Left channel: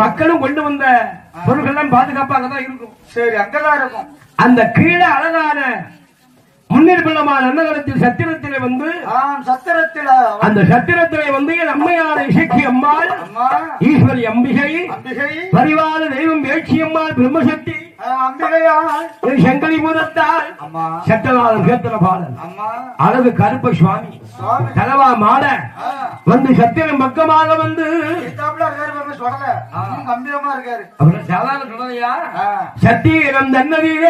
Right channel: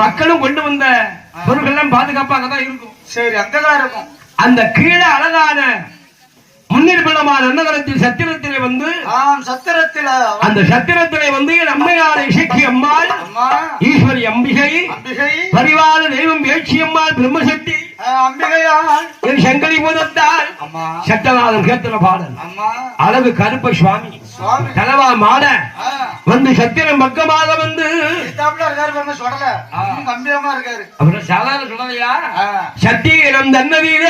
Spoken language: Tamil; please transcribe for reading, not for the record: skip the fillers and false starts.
மக்களும் கொண்டு வந்த பொருட்கள் எல்லாம் பாதுகாப்பாக தான் இருக்கும். சரி, அங்கதான் இருக்கும். அந்த கீழே அழகான முன்னிர்பலமான அன்னகரத்தில் சத்திரத்திலே வந்து அந்த சத்திரத்திலே வந்து அம்மையார் இசக்கி அம்மாள், ஈஸ்வரி அம்பிகை, பரிவார தெய்வம் வேட்சி அம்மாள், பிரம்மசக்தி அம்பிகையார், சங்கரி பூதத்தால், சட்டநாதன் கேத்தன பாடல், அழகு கருப்ப சுவாமி தலவா மாட வந்து சத்திரம் பக்கமாக வந்து அப்புறம் சாதாரண சொல்லலையா சத்திரம் தன்னதியில